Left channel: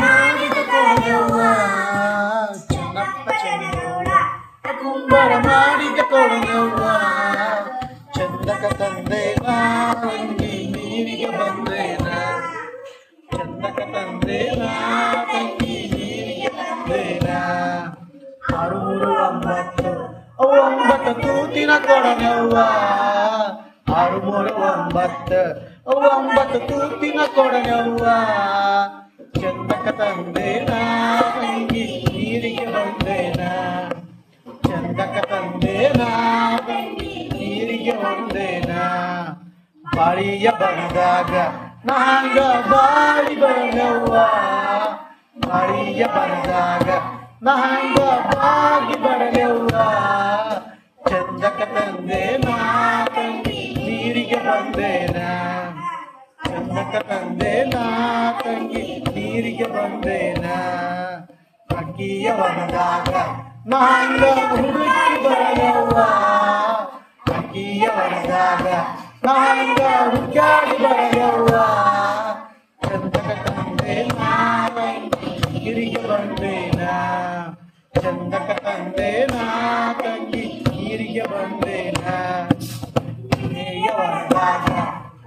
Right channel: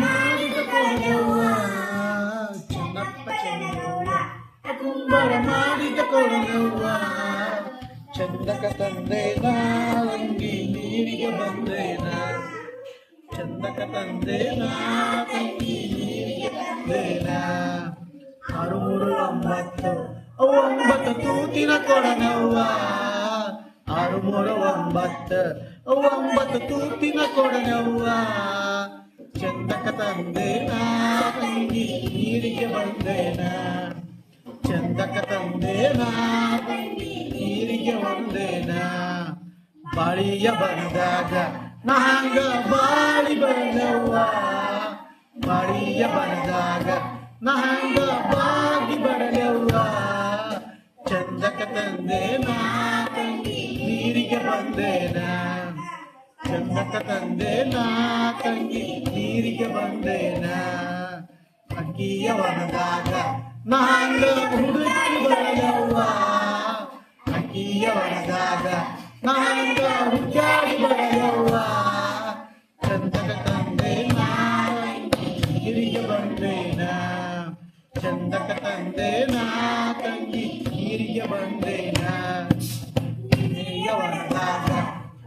ಮಾಡಿದ ಕೊಡವ್ವ ಚೆನ್ನಪ್ಪ ಚೆನ್ನವ್ವ ಕುಂಬರ ಮಾಡಿದ ಕೊಡವ್ವ ಚಂದಕ ತಂದೇನ ತಂಗಿ ನೀರಿಗೆ ಬಂದೇನ ಚಂದಕ ತಂದೇನ ತಂಗಿ ನೀರಿಗೆ ಬಂದೇನ 639 ತೂತಿನ ಕೊಡವ್ವ 639 ತೂತಿನ ಕೊಡವ್ವ ಚಂದಕ ತಂದೇನ ತಂಗಿ ನೀರಿಗೆ ಬಂದೇನ ಚಂದಕ ತಂದೇನ ತಂಗಿ ನೀರಿಗೆ ಬಂದೇನ ಬಾಳಿಯ ಬಂದಾಗ ನಾಂಗ ಬಾಳಿ ಬರಲವ್ವ ಬಾಳಿಯ ಬಂದಾಗ ನಾಂಗ ಬಾಗಿ ಬರಲವ್ವ ಚಂದಕ ತಂದೇನ ತಂಗಿ ನೀರಿಗೆ ಬಂದೇನ ಚಂದಕ ತಂದೇನ ತಂಗಿ ನೀರಿಗೆ ಬಂದೇನ ಅಕ್ಕಿಯ ವನದಾಗ ನಾಂಗ ಹುಡುಕಿ ಬರಲವ್ವ ಅಕ್ಕಿಯ ವನದಾಗ ನಾಂಗ ಹುಡುಕಾಡಿ ಬರಲವ್ವ ಚಂದಕ ತಂದೇನ ನೀರಿಗೆ ಬಂದೇನ ಚಂದಕ ತಂದೇನ ತಂಗಿ ನೀರಿಗೆ ಬಂದೇನ ನೇಯ ವನದಾಗ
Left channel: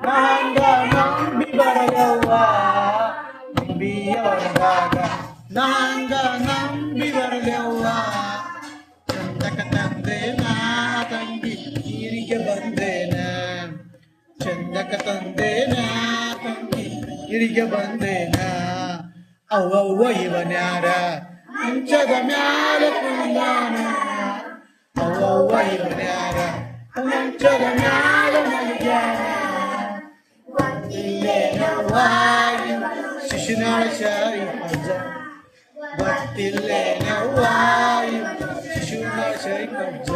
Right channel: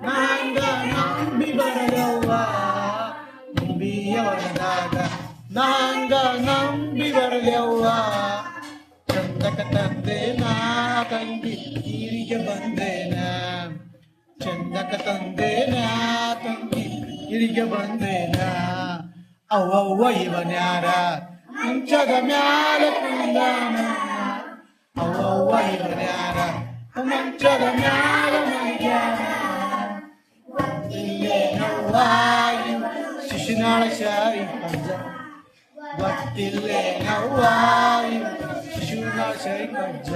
ನಾಂಗ ನಂಬಿ ಬರಲವ್ವ ನಂಬಿಯ ವನದಾಗ ನಾಂಗ ನಂಬಿ ಬರಲವ್ವ ಚಂದಕ ತಂದೇನ ತಂಗಿ ನೀರಿಗೆ ಬಂದೇನ ಚಂದಕ ತಂದೇನ ತಂಗಿ ನೀರಿಗೆ ಬಂದೇನ ಅವ್ವವ್ವ ಇವನ್ಯಾರ ಮಂಚದ ಮ್ಯಾಲ ಕುಂದಾನ ಅವ್ವವ್ವ ಇವನ್ಯಾರ ಮಂಚದ ಮ್ಯಾಲ ಮಲ್ಗ್ಯಾನ ಗೊತ್ತಿಲ್ಲೇನವ್ವ ಶಿಶುನಾಳ ಶಾಯಿ ಪಂಜ ಗೊತ್ತಿಲ್ಲೇನವ್ವ ಶಿಶುನಾಳ ಶಾಯಿ ಪಂಜ